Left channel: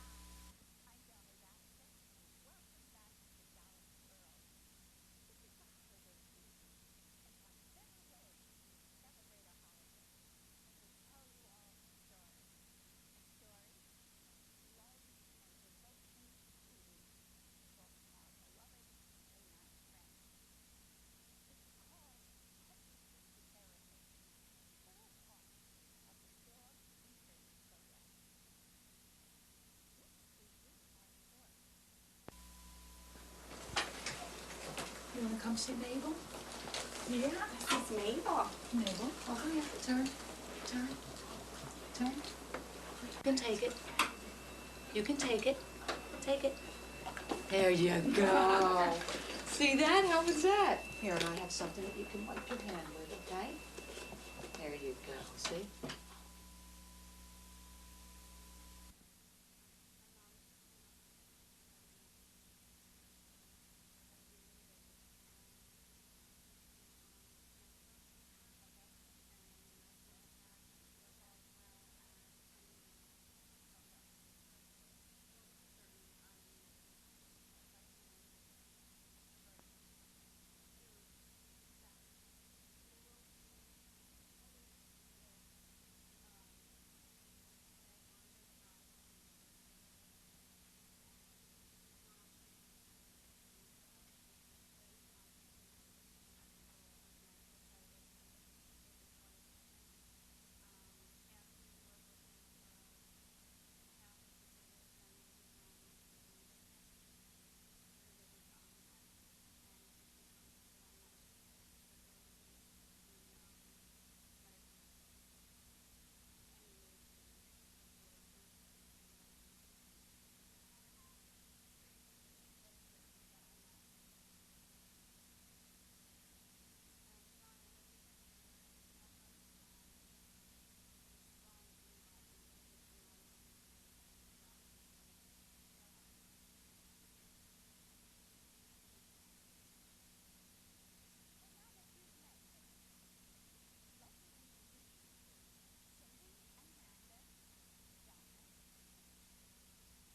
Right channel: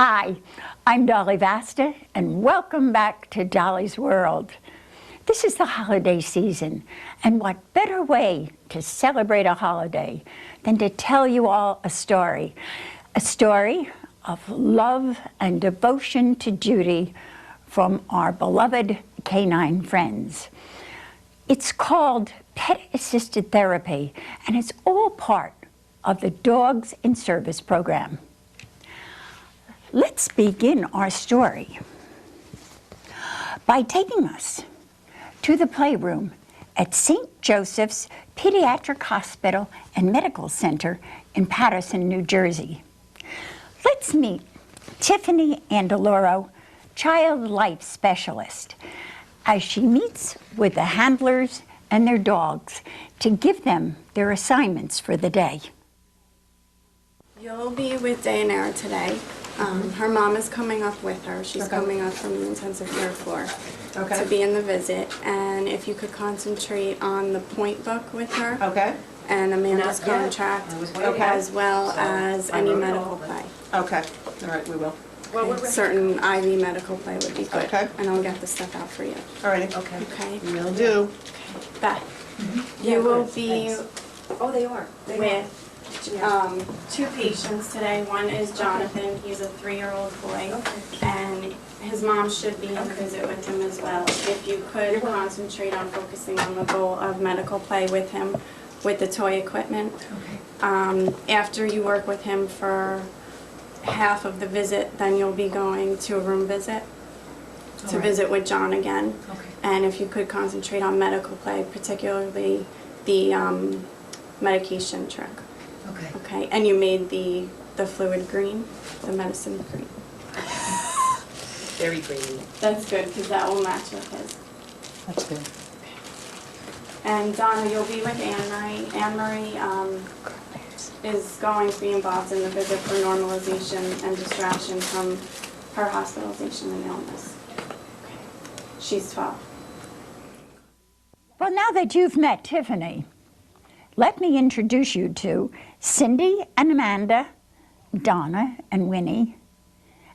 Hi, I'm Dolly Vasta, and welcome back to Dolly's World. This is the holiday season, and what better way to celebrate a holiday than to tell you all a story of love and devotion to duty from our beloved canine friends. It's called Pet-Assisted Therapy, and it's all part of the Dogs in Service program. Let's begin our story by taking us to the playroom at St. Joseph's Pediatric Hospital and Medical Center in Paterson, New Jersey. Let's meet Tiffany Andaloro, Child Life Specialist, as she meets with the handlers and their dogs to give them their assignments for the day. You'll be with Dayanara today. Her mom is coming up with her. She's coming up from the intensive care floor to be in the visit. And if you could concentrate on the point book with her and Amanda's contract, as well as any medical play. Okay. All right, we will. Certain IV medical play would be good. Okay. And I'll get the stuff out for you. All right. Okay. Will do. Beth, you will be Oh, they are. with two patients today. One is Jonathan. He's a 3-year-old boy, and his mom should be in the visit with him as well. If you could concentrate on focusing on the goal of medical play with him with the toy equipment. After you work with him for half of the visit, then you'll be going to a room visit to visit with John again. And if you could concentrate on medical play, particularly the medication trick. Okay, and you made the fluid green, the medicine green. Very green. That's good, because that will match with his. That's good. And Donna, you'll be with Anne-Marie. Anne-Marie is going to be involved in the visit for normalization and distraction from her hospitalization and illness. She's 12. Well, now that you've met Tiffany, let me introduce you to Cindy and Amanda, Donna and Winnie,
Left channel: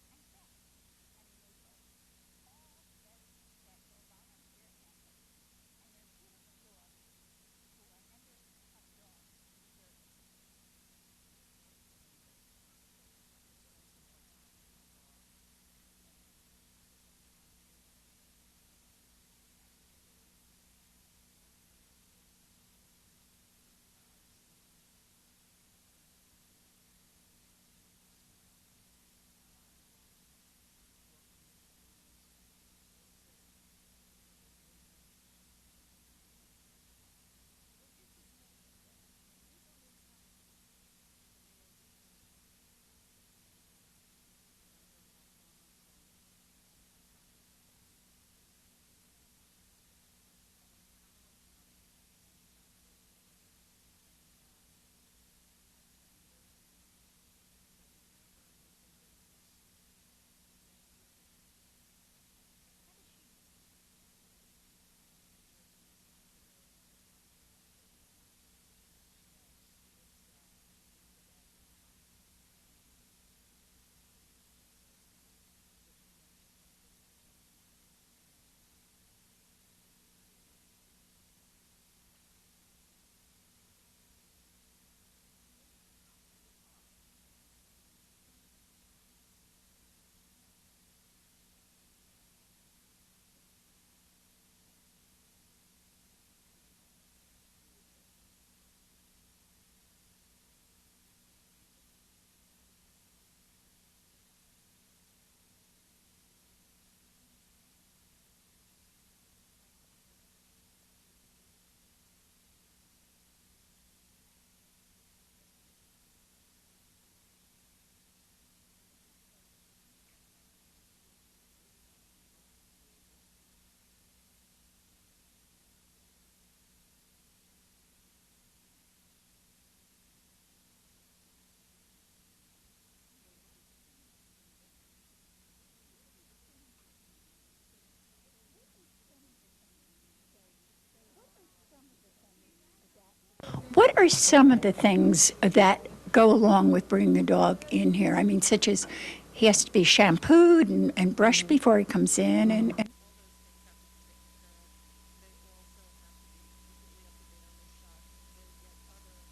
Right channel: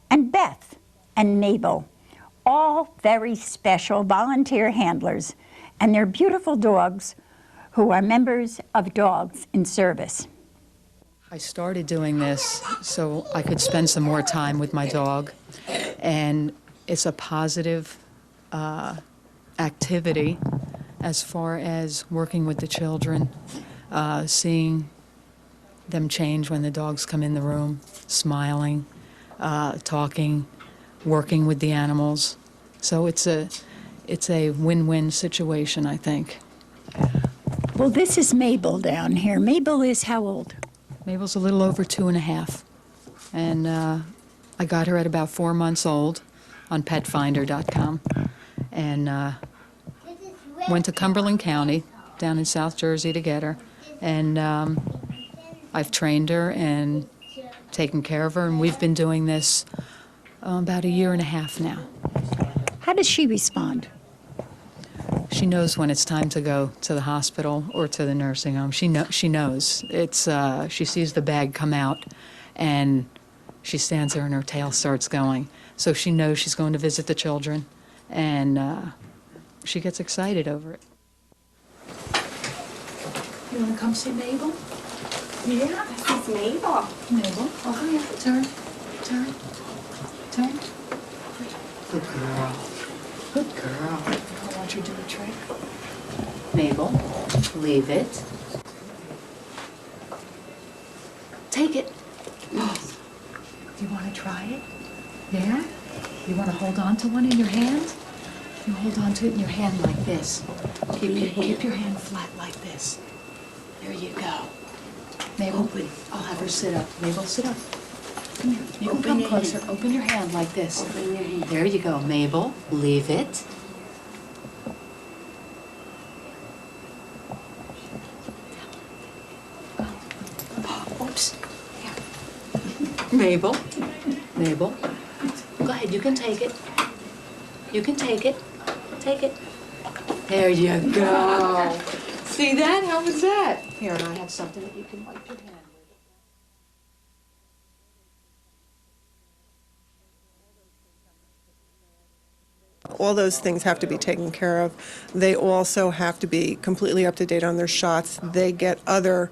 and Beth and Mabel, all very special volunteer handlers, and their beautiful dogs who are members of Dogs in Service. I started doing this so I could spend some more time with my dog, and it's a positive activity as far as working with the children, seeing them change when the dogs come in the room, smiling, talking, working with the animals. So it's a win-win situation, I think. Well, this is Mabel down here. Mabel is how old? Mabel's a little over 2.5, and I got her at about 4 months old on petfinder.com, and went to Cumberland County down in South Jersey to get her, and I've trained her and taken care of her, and we've been doing this about 1.5 years now. How does she respond? She knows when it's time to go to the hospital or to the nursing home. She knows. It's she sees the bag come out, and she stands there and her tail starts going. So she knows she's going to visit the children, and she gets excited over it. You want to come see Mabel? Yeah, this is Mabel. Mabel, over here. Turn. Good girl. Good girl. I want you to do a trick. Mabel, leave it. Take it. Do you want to try it? Yeah? You want to hold on to one in your hand? You hold on to it in your hand like this. Keep your hand flat like this. There you go. Mabel, I'll have her sit up. Mabel, sit up. Come here. You can come closer. Open your hand like this. Open your hand. There you go. Mabel, leave it. Oops. Mabel. Mabel. Go ahead. You can take it. You can take it. Take it. There you go. See that? How was that? What are some of the things that go along with bringing a dog in here? I mean, such as he has to be shampooed and brushed before he comes in. And All those things have to be taken care of. They also have to be completely up to date on their shots. They get other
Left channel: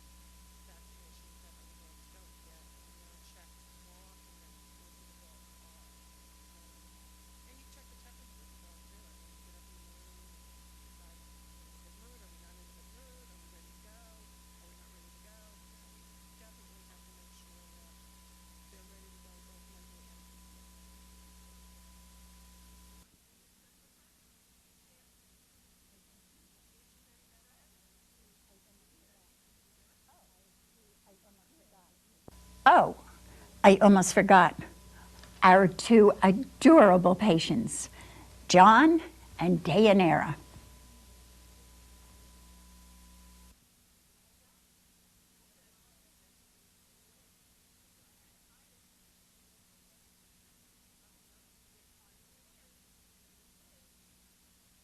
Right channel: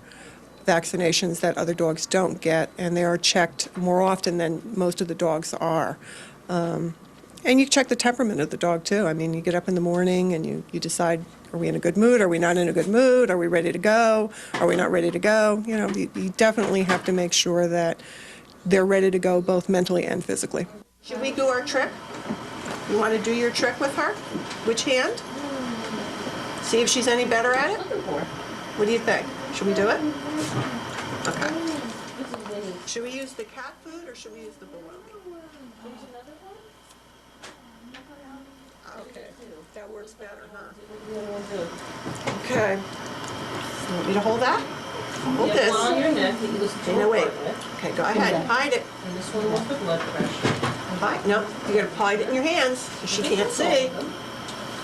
vaccinations that other dogs don't get, and they are checked more often than most of the dogs are. And you check the temperament of the dog, too. I mean, you get up in the morning and you decide, are we in a good mood? Are we not in a good mood? Are we ready to go? Are we not ready to go? You know, you definitely have to make sure that they're ready to go both mentally and physically. Should we do our trick? You want to do your trick with her? Which hand? See if she's any better at it? What do you think? Should we do it? Okay. oh, Should we use the I almost forgot. Our two adorable patients, John and Dayanara. Okay. You want me to hold that? Hold this. On your neck that you listen to. No, wait. a bit. Okay, go ahead. Hide it. And this one was for blood pressure. Hide. No, you gotta hide it in your hands, 'cause she can't see.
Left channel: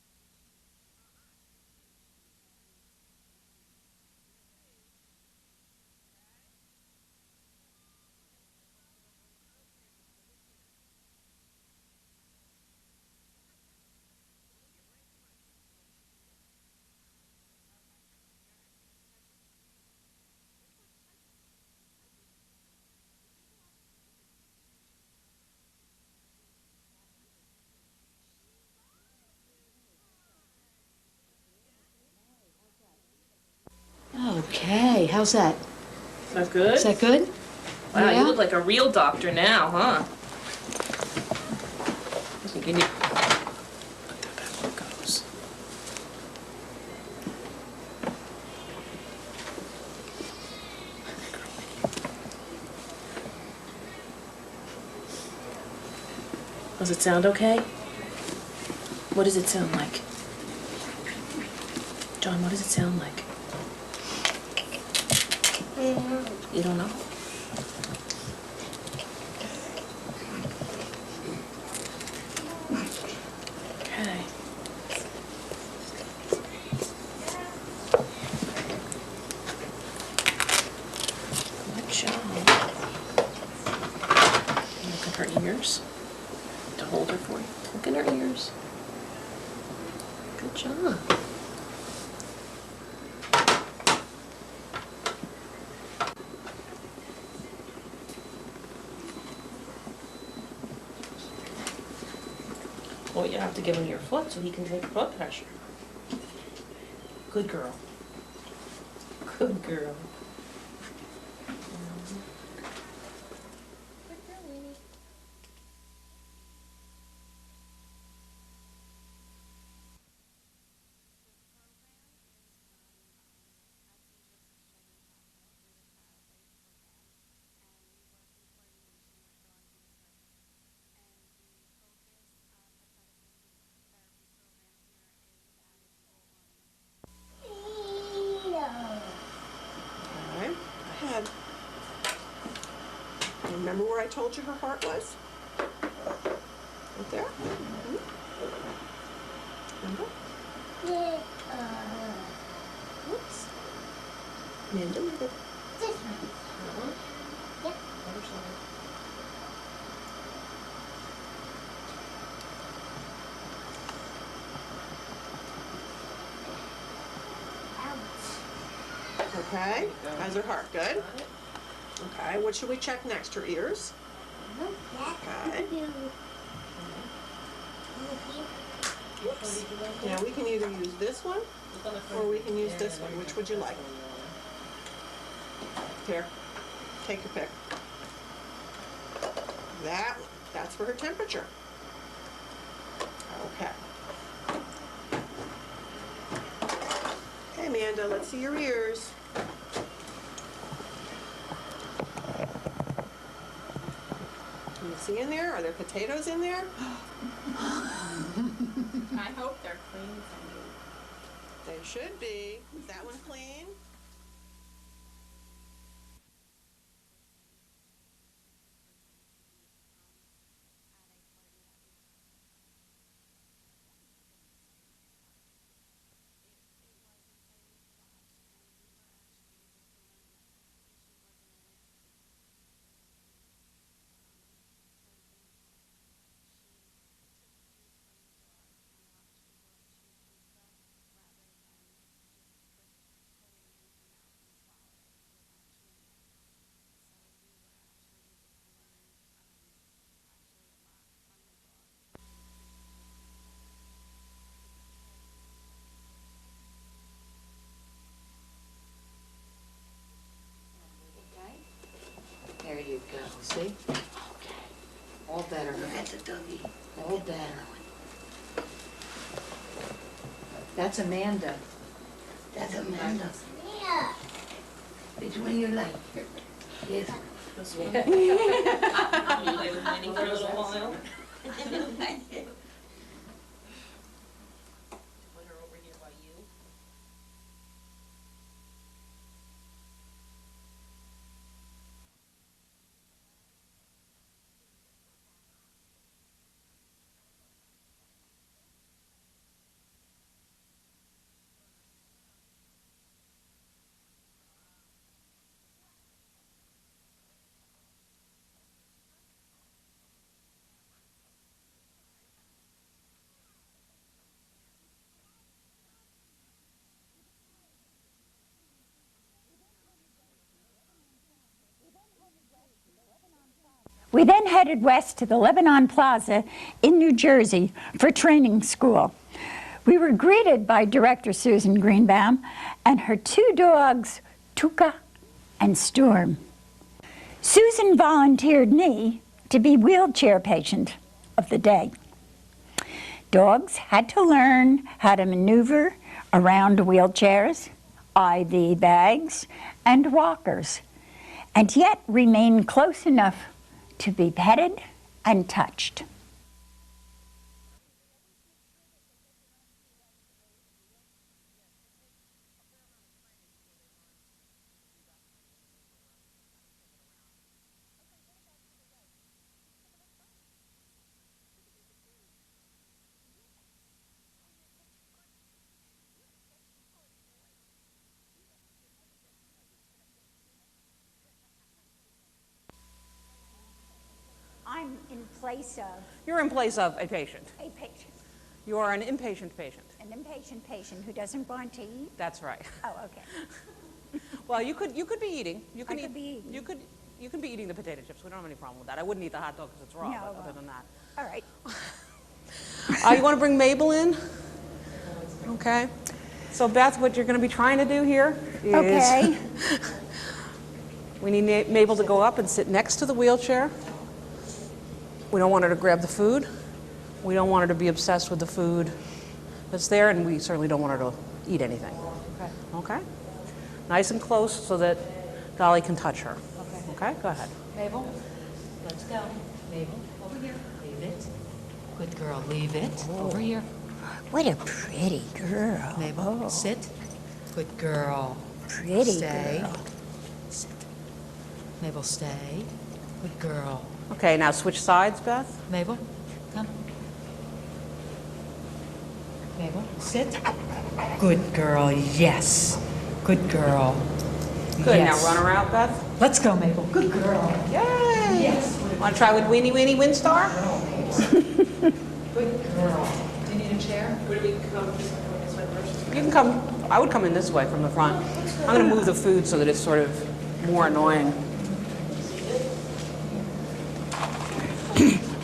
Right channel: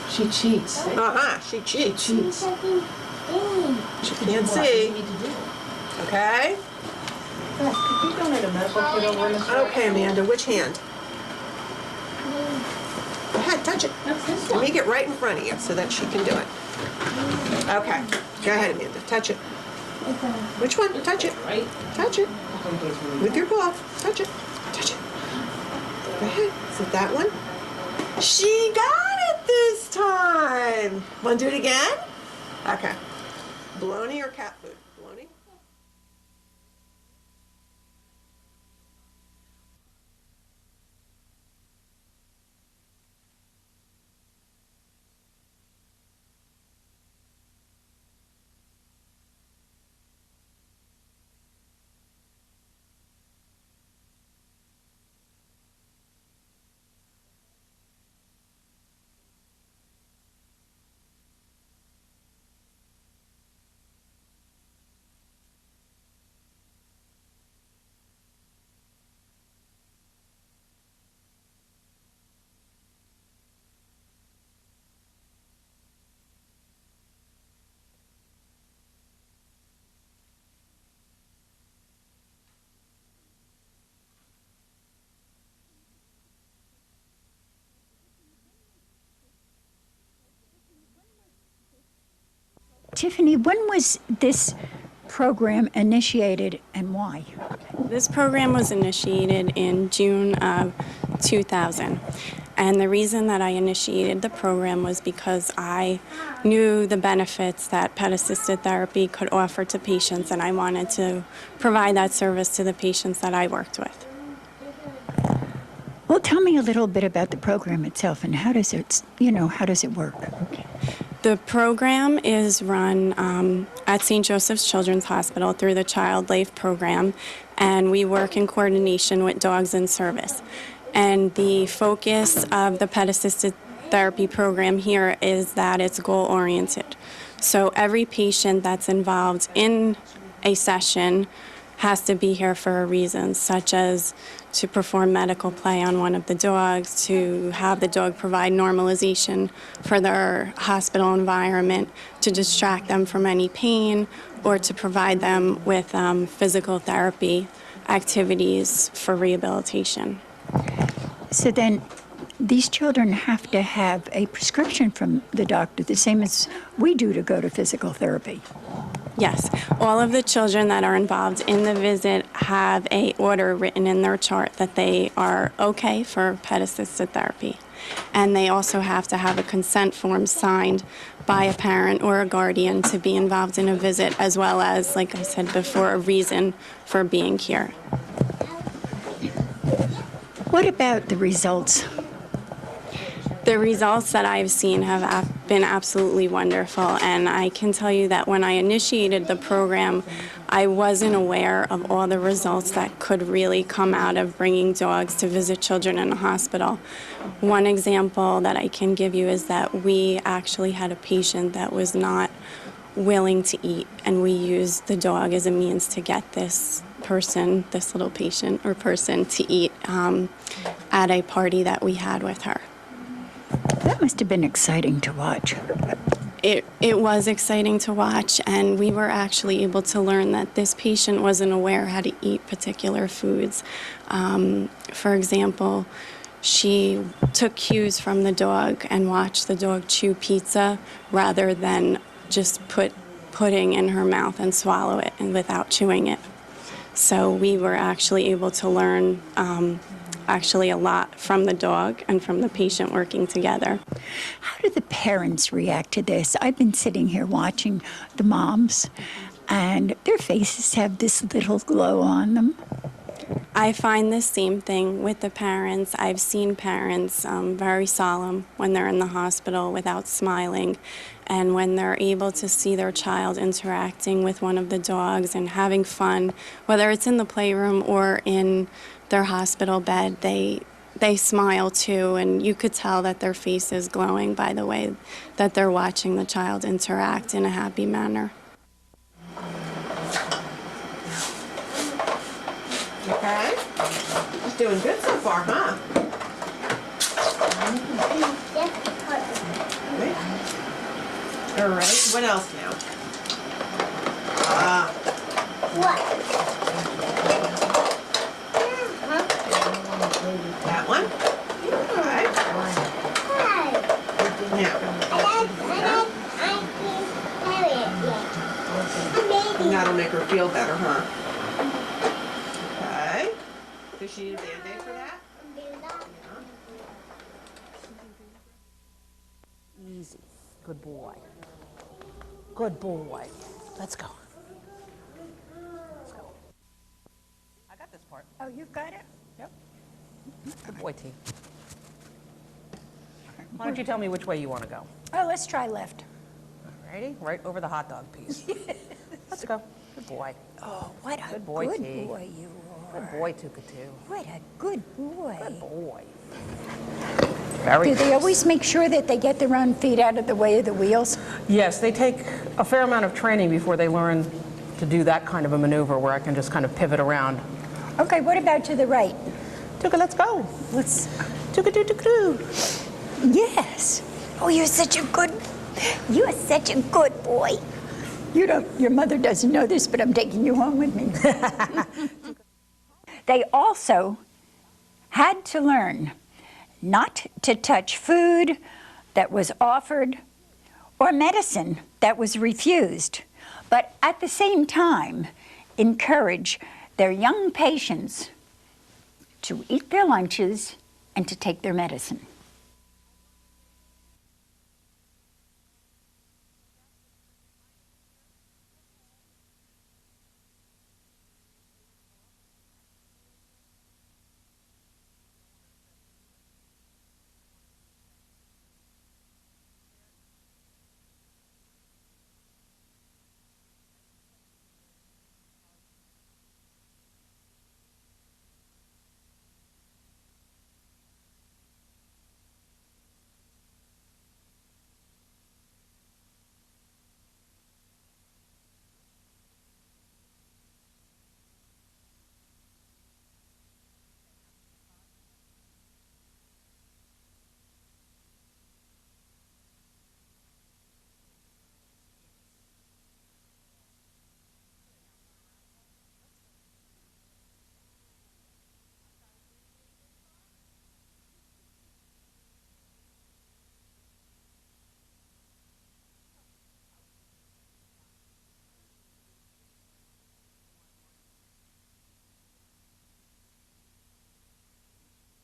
She cheats. Uh-huh, she cheats. Cheats. She can't What see. you need to do. Okay? Could you donate a medical kit over in this Okay, Amanda, which hand? Go ahead, touch it. That's this Let one. me get right in front of you so that she can do it. Okay. Go ahead, Amanda. Touch it. Which one? Touch it. Right? Touch it. With your glove. Touch it. Touch it. Go ahead. Is it that one? She got it this time. Want to do it again? Okay. Blow into your cap. Okay, how's that? Is that good? Is that good? Wow, Yeah? you look like a real doctor now, huh? I think you need... goes. Does it sound okay? What does it sound like? John, what does it sound like? You don't know? Okay. Good job. Look at her ears. To hold her for you. Look at her ears. Good job. Tiffany, when was this program initiated and why? This program was initiated in June of 2000. And the reason that I initiated the program was because I knew the benefits that pet-assisted therapy could offer to patients, and I wanted to provide that service to the patients that I worked with. Well, tell me a little bit about the program itself and how does it, how does it work? The program is run at St. Joseph's Children's Hospital through the Child Life program, and we work in coordination with Dogs in Service. And the focus of the pet-assisted therapy program here is that it's goal-oriented. So every patient that's involved in a session has to be here for a reason, such as to perform medical play on one of the dogs, to have the dog provide normalization for their hospital environment, to distract them from any pain, or to provide them with physical therapy activities for rehabilitation. So then these children have to have a prescription from the doctor, the same as we do to go to physical therapy. Yes, all of the children that are involved in the visit have a order written in their chart that they are okay for pet-assisted therapy. And they also have to have a consent form signed by a parent or a guardian to be involved in a visit, as well as, like I said before, a reason for being here. What about the results? The results that I've seen have been absolutely wonderful, and I can tell you that when I initiated the program, I wasn't aware of all the results that could really come out of bringing dogs to visit children in a hospital. One example that I can give you is that we actually had a patient that was not willing to eat, and we used the dog as a means to get this person, this little patient or person, to eat at a party that we had with her. That must have been exciting to watch. it was exciting to watch, and we were actually able to learn that this patient wasn't aware how to eat particular foods. For example, she took cues from the dog and watched the dog chew pizza rather than just put pudding in her mouth and swallow it and without chewing it. So we were actually able to learn actually a lot from the dog and from the patient working together. How do the parents react to this? I've been sitting here watching the moms, and their faces have this little glow on them. I find the same thing with the parents. I've seen parents very solemn when they're in the hospital without smiling. And when they're able to see their child interacting with one of the dogs and having fun, whether it's in the playroom or in their hospital bed, they smile too. And you could tell that their face is glowing by the way that they're watching the child interact in a happy manner. Okay. He's doing good so far, huh? All right. What else now? That one? Okay. Now. That'll make her feel better, huh? We then headed west to the Lebanon Plaza in New Jersey for training school. We were greeted by Director Susan Greenbaum and her two dogs, Tuka and Storm. Susan volunteered me to be wheelchair patient of the day. Dogs had to learn how to maneuver around wheelchairs, IV bags, and walkers, and yet remain close enough to be petted and touched. Do they always make sure that they get their own feet out of the way of the wheels? Yes, they take a fair amount of training before they learn to do that kind of a maneuver where I can just kind of pivot around. Okay, what about to the right? Tuka, let's go. Let's Tuka. Yes. Oh, you're such a good boy. Your mother doesn't know this, but I'm taking you home with me. They also had to learn not to touch food that was offered or medicine that was refused, but at the same time encourage their young patients to eat their lunches and to take their medicine. You want to bring Mabel in? Okay. So Beth, what you're going to be trying to do here is Okay. we need Mabel to go up and sit next to the wheelchair. We don't want her to grab the food. We don't want her to be obsessed with the food that's there, and we certainly don't want her to eat anything. Okay? Nice and close so that Dolly can touch her. Okay? Go ahead. Mabel, let's go. Mabel, over here. Leave it. Good girl, leave it. Over here. What a pretty girl. Mabel, sit. Good girl. Pretty Stay. girl. Sit. Mabel, stay. Good girl. Okay, now switch sides, Beth. Mabel, come. Mabel, sit. Good girl, yes. Good girl. Good, Yes. now run her out, Beth. Let's go, Mabel. Good girl. Yay! Yes. Want to try with Weenie Weenie Windstar? Good girl. Do you need a chair? You can come, I would come in this way from the front. I'm going to move the food so that it's sort of more annoying.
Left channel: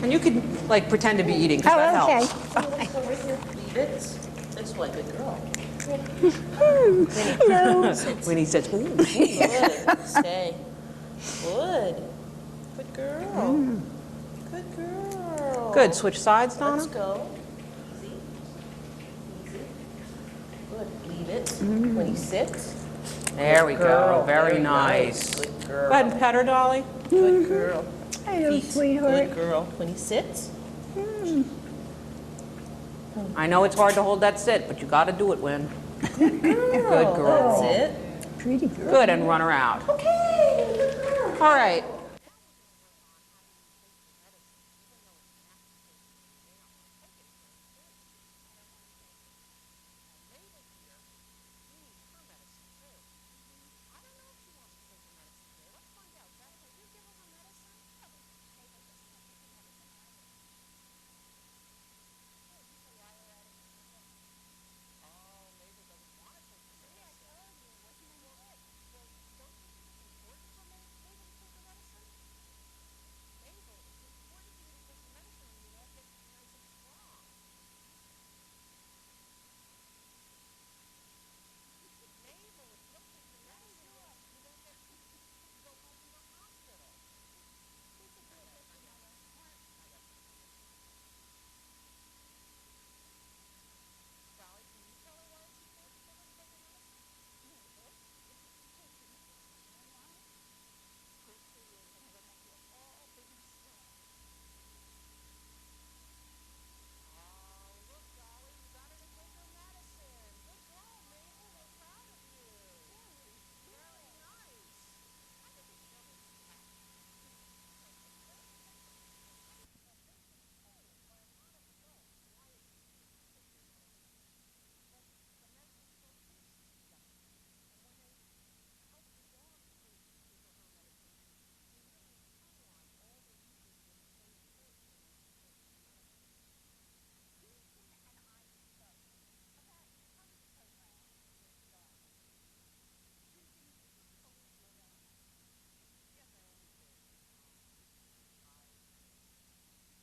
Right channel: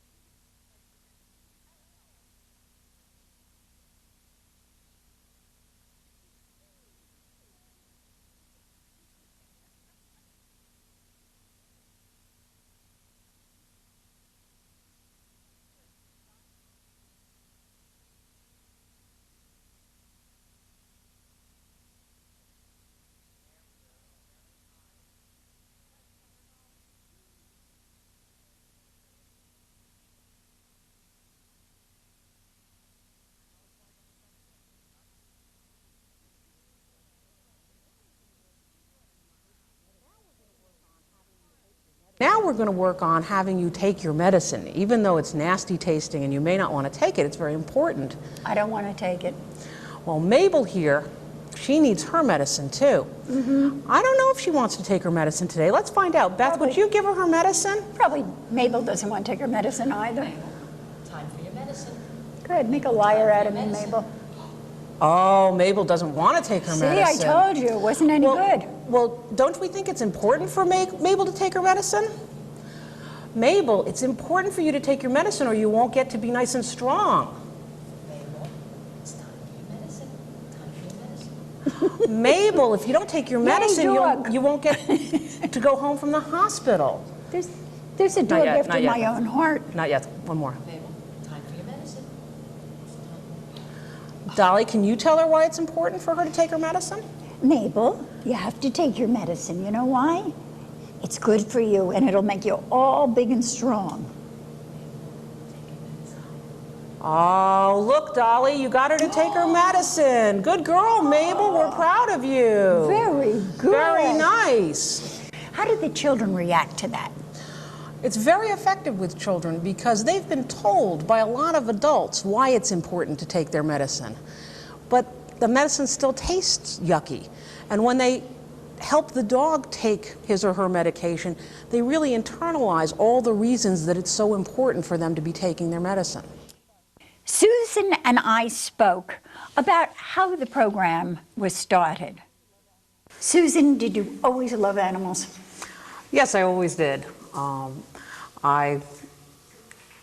And you could, like, pretend to be eating, because that Oh, okay. helps. Leave it. This way, good girl. When he says, ooh. Good. Stay. Good. Good girl. Good girl. Good, switch sides, Donna. Let's go. Easy. Easy. Good. Leave it. When he sits. There we go, Girl. very nice. Good Go girl. ahead and pet her, Dolly. Good girl. Hello, Feet. sweetheart. Good girl. When he sits. I know it's hard to hold that sit, but you got to do it, Win. Good girl. That's it. Pretty girl. Good, and run her out. Okay. Good girl. All right, now we're going to work on having you take your medicine. Even though it's nasty tasting and you may not want to take it, it's very important. I don't want to take it. Well, Mabel here, she needs her medicine too. I don't know if she wants to take her medicine today. Let's find out. Beth, would Probably. you give her her medicine? Probably Mabel doesn't want to take her medicine either. Time for your medicine. Good, make a liar out of me, Mabel. Oh, Mabel doesn't want to take her See, I medicine. told you, it wasn't any good. Well, don't we think it's important for Mabel to take her medicine? Mabel, it's important for you to take your medicine or you won't get to be nice and strong. Mabel, it's time for your medicine. Time for your medicine. Mabel, if you don't take your medicine, dog. you won't get to go home from the hospital. There's a dog yet, after not yet. my own heart. Not yet. One more. Mabel, time for your medicine. Dolly, can you tell her why it's important for her to take her medicine? Mabel, you have to take your medicine. You know why? It's good for you, and it'll make you all big and strong. Oh, look, Dolly, you got her to take her medicine. Good girl, Mabel. We're proud of you. Very good. Very nice. How do the children react to that? It's very effective with children because they've been told by a lot of adults why it's important to take their medicine. But the medicine still tastes yucky. And when they help the dog take his or her medication, they really internalize all the reasons that it's so important for them to be taking their medicine. Susan and I spoke about how the program was started. Susan, did you always love animals? Yes, I always did. I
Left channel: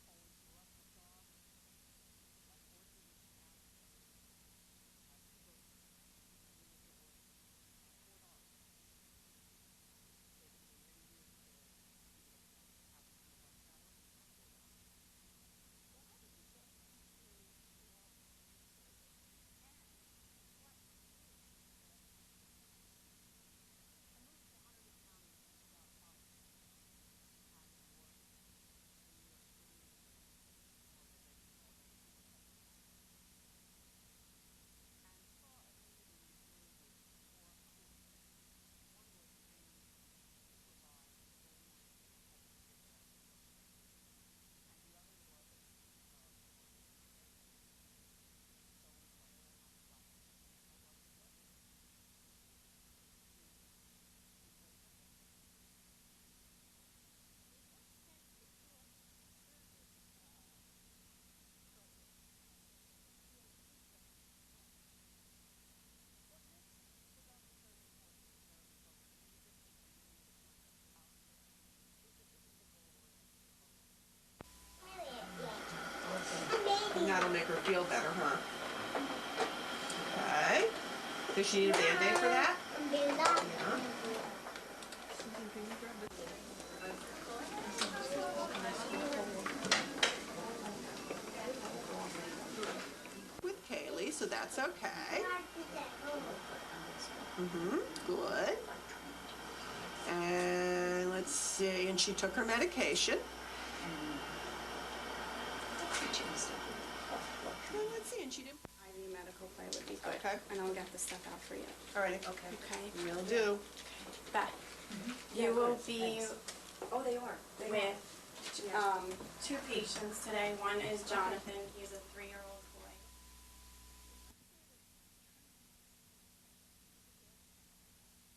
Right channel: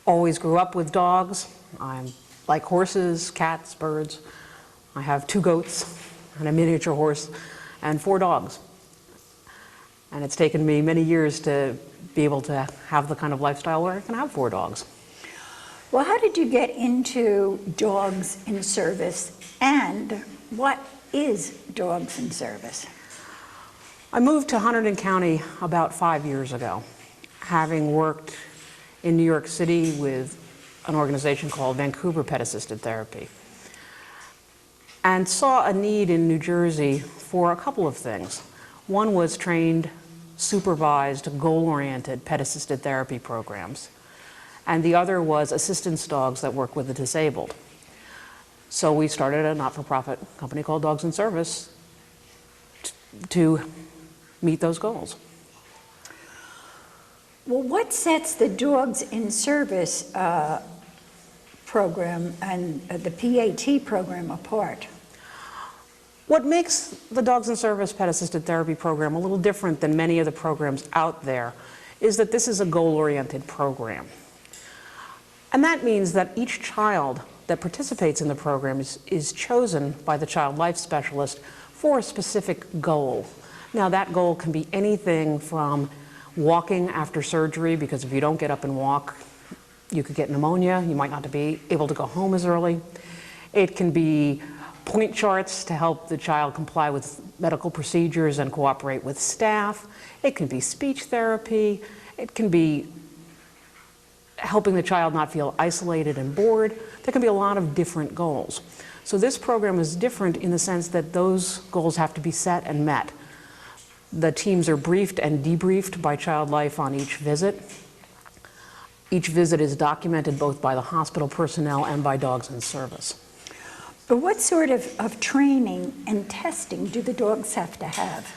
always grew up with dogs. I like horses, cats, birds. I have 2 goats and a miniature horse and 4 dogs. And it's taken me many years to be able to have the kind of lifestyle where I can have 4 dogs. Well, how did you get into Dogs in Service, and what is Dogs in Service? I moved to Hunterdon County about 5 years ago, having worked in New York City with an organization called Vancouver Pet Assisted Therapy, and saw a need in New Jersey for a couple of things. One was trained, supervised, goal-oriented pet assisted therapy programs, and the other was assistance dogs that work with the disabled. So we started a not-for-profit company called Dogs in Service to meet those goals. Well, what sets the Dogs in Service program and the PAT program apart? What makes the Dogs in Service Pet Assisted Therapy program a little different than many of the programs out there is that this is a goal-oriented program. And that means that each child that participates in the program is chosen by the child life specialist for a specific goal. Now, that goal can be anything from walking after surgery, because if you don't get up and walk, you could get pneumonia, you might not be able to go home as early. It can be point charts to help the child comply with medical procedures and cooperate with staff. It can be speech therapy. It can be helping the child not feel isolated and bored. There can be a lot of different goals. So this program is different in the sense that those goals have to be set and met. The teams are briefed and debriefed by Child Life on each visit. Each visit is documented both by the hospital personnel and by Dogs in Service. But what sort of training and testing do the dogs have to have?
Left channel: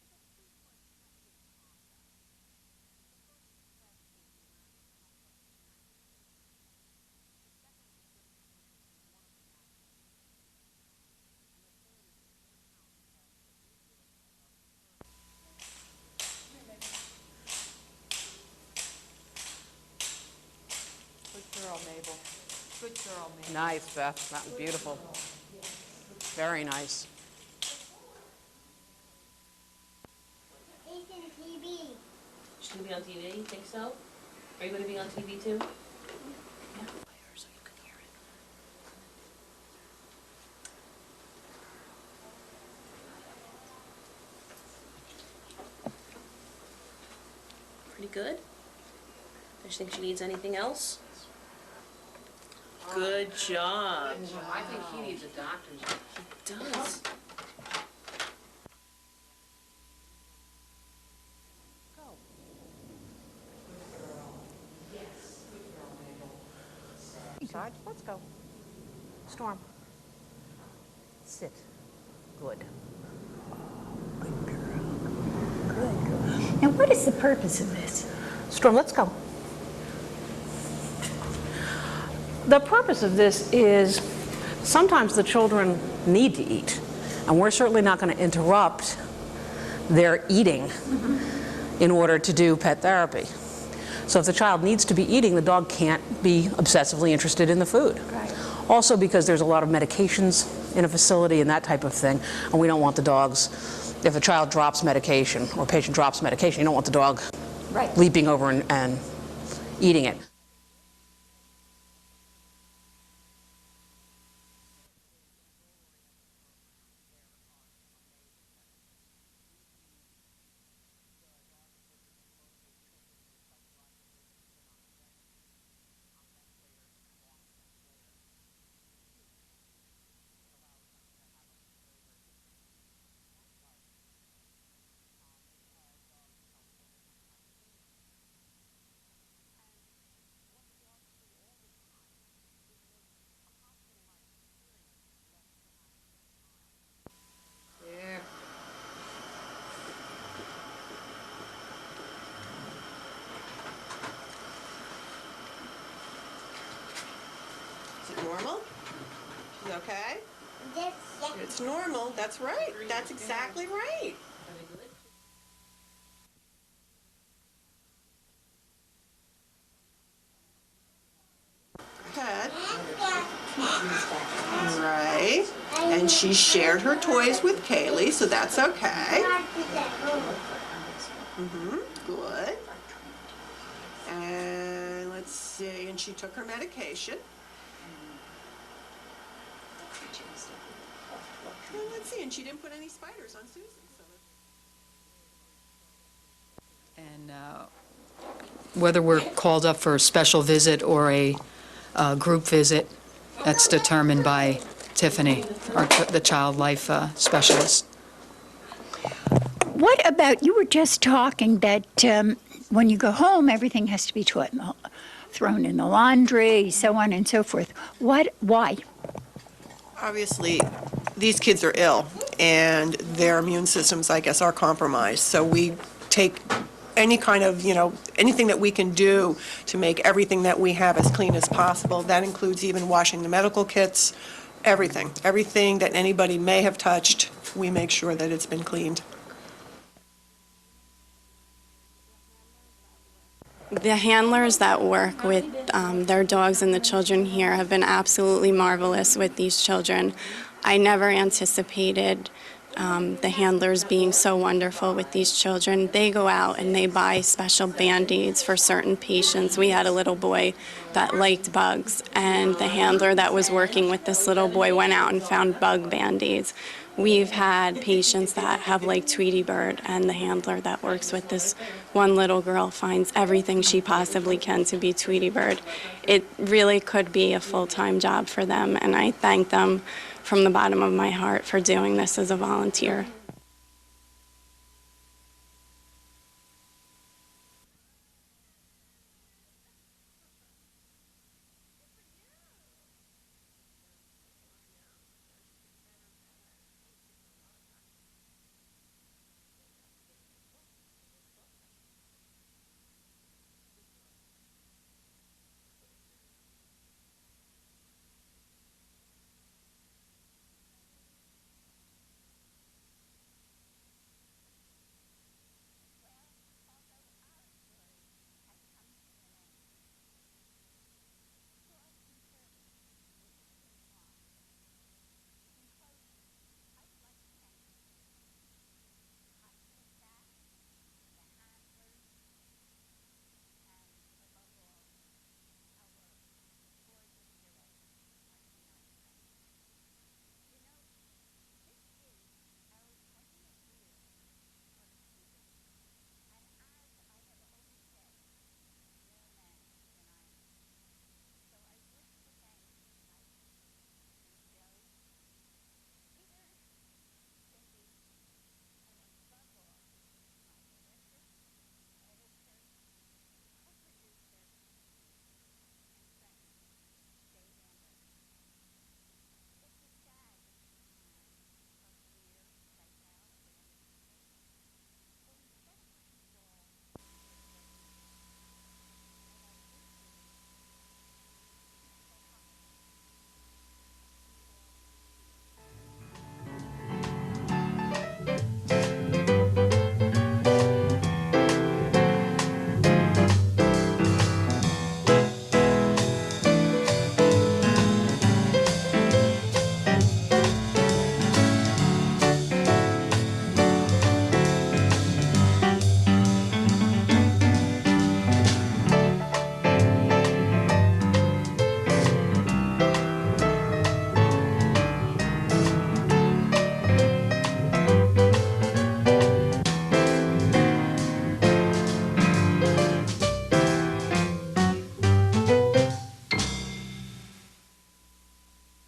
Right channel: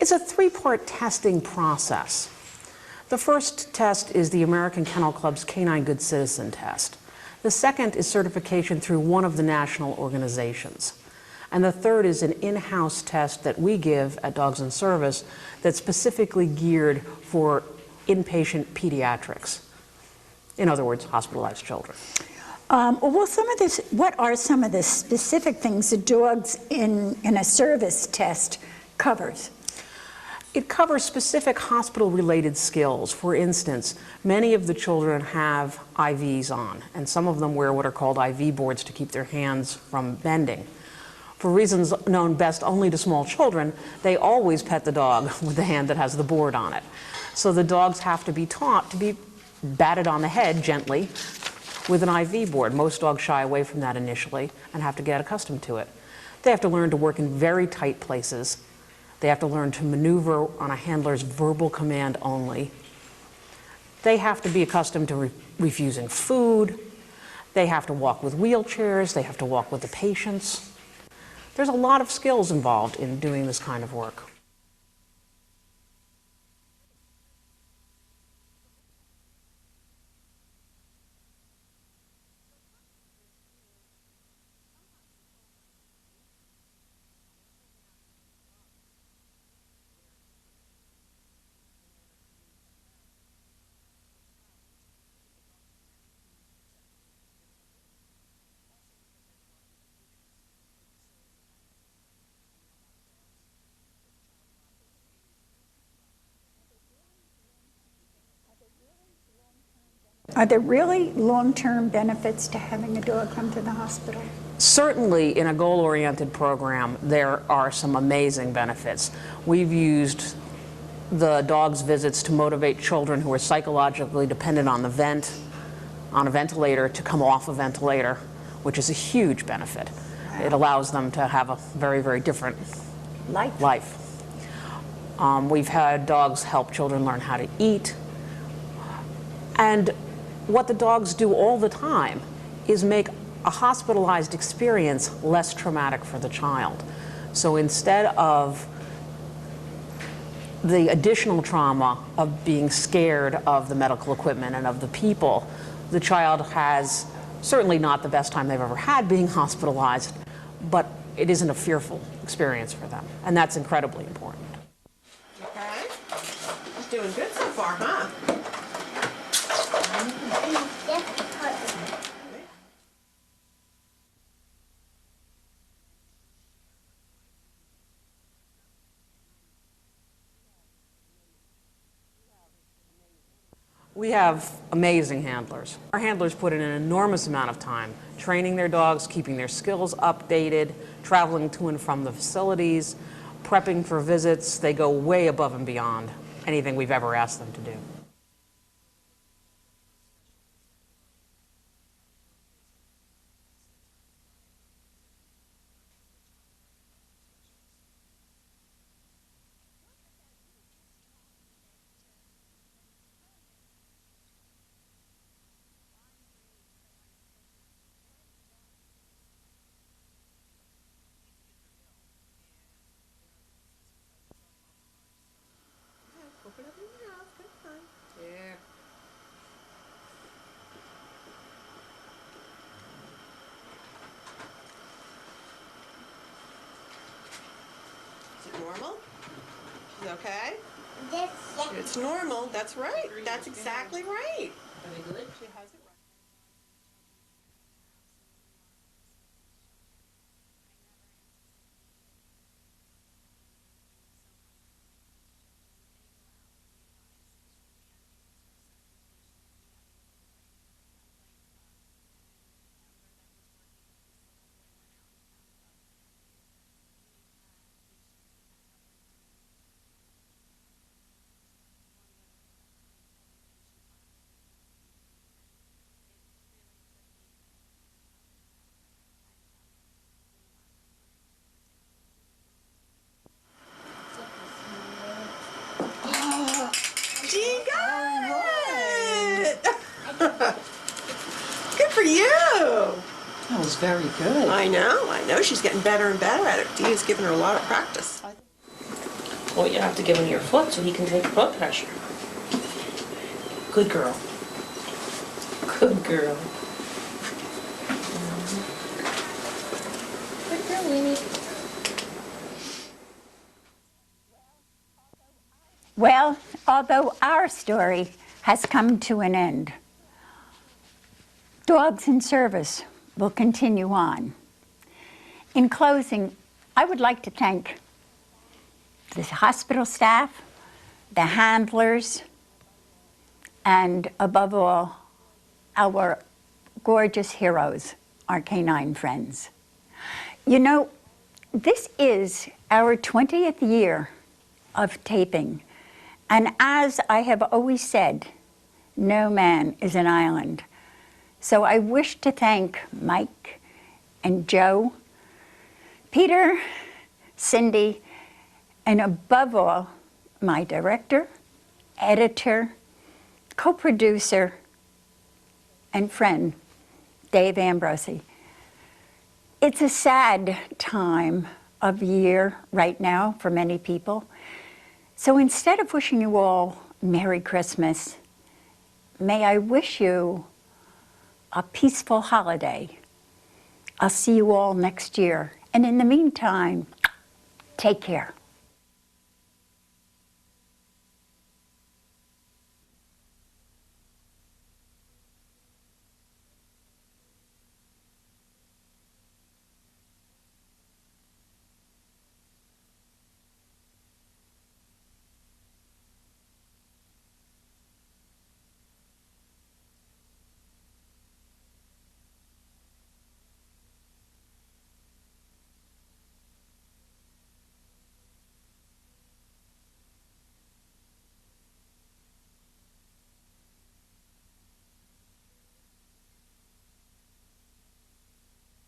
It's a 3-part testing process. The first test is the American Kennel Club's Canine Good Citizen test. The second is certification through one of the national organizations. And the third is an in-house test that we give at Dogs in Service that's specifically geared for inpatient pediatrics. In other words, hospitalized children. What are some of the specific things the Dogs in a Service test covers? It covers specific hospital-related skills. For instance, many of the children have IVs on, and some of them wear what are called IV boards to keep their hands from bending. For reasons known best only to small children, they always pet the dog with the hand that has the board on it. So the dogs have to be taught to be batted on the head gently with an IV board. Most dogs shy away from that initially and have to get accustomed to it. They have to learn to work in very tight places. They have to learn to maneuver on a handler's verbal command only. They have to be accustomed to refusing food. They have to walk with wheelchairs. They have to walk with the patients. There's a lot of skills involved in doing this kind of work. Now, what is the purpose of this? Storm, let's go. The purpose of this is sometimes the children need to eat, and we're certainly not going to interrupt their eating in order to do pet therapy. So if the child needs to be eating, the dog can't be obsessively interested in the food. Right. Also because there's a lot of medications in a facility and that type of thing, and we don't want the dogs, if a child drops medication or a patient drops medication, you don't want the dog Right. leaping over and eating it. Are there really long-term benefits to having a dog come to the hospital? Certainly, in a goal-oriented program, there are some amazing benefits. We've used the dog's visits to motivate children who are psychologically dependent on on a ventilator, to come off a ventilator, which is a huge benefit. It allows them to have a very, very different life. We've had dogs help children learn how to eat. And what the dogs do all the time is make a hospitalized experience less traumatic for the child. So instead of the additional trauma of being scared of the medical equipment and of the people, the child has certainly not the best time they've ever had being hospitalized, but it isn't a fearful experience for them, and that's incredibly important. Okay. She's doing good so far, huh? Good. Right. And she shared her toys with Kaylee, so that's okay. Good. We have amazing handlers. Our handlers put in an enormous amount of time training their dogs, keeping their skills updated, traveling to and from the facilities, prepping for visits. They go way above and beyond anything we've ever asked them to do. Whether we're called up for a special visit or a group visit, that's determined by Tiffany, the child life specialist. What about, you were just talking that when you go home, everything has to be thrown in the laundry, so on and so forth. Why? Obviously, these kids are ill, and their immune systems, I guess, are compromised. So we take any kind of, anything that we can do to make everything that we have as clean as possible. That includes even washing the medical kits, everything. Everything that anybody may have touched, we make sure that it's been cleaned. Okay? It's normal, that's right. That's exactly The handlers that work with their dogs and the children here have been absolutely marvelous with these children. I never anticipated the handlers being so wonderful with these children. They go out and they buy special Band-Aids for certain patients. We had a little boy that liked bugs, and the handler that was working with this little boy went out and found bug Band-Aids. We've had patients that have liked Tweety Bird, and the handler that works with this one little girl finds everything she possibly can to be Tweety Bird. It really could be a full-time job for them, and I thank them from the bottom of my heart for doing this as a volunteer. Oh, she got it! Good for you! That was very good. I know. She's getting better and better at it. Dee's giving her a lot of practice. Well, you have to give him your foot so he can take the blood pressure. Good girl. Good girl. Good girl, Winnie. Well, although our story has come to an end, Dogs in Service will continue on. In closing, I would like to thank the hospital staff, the handlers, and above all, our gorgeous heroes, our canine friends. You know, this is our 20th year of taping, and as I have always said, no man is an island. So I wish to thank Mike and Joe, Peter, Cindy, and above all, my director, editor, co-producer, and friend, Dave Ambrosi. It's a sad time of year right now for many people. So instead of wishing you all Merry Christmas, may I wish you a peaceful holiday. I'll see you all next year. And in the meantime, take care.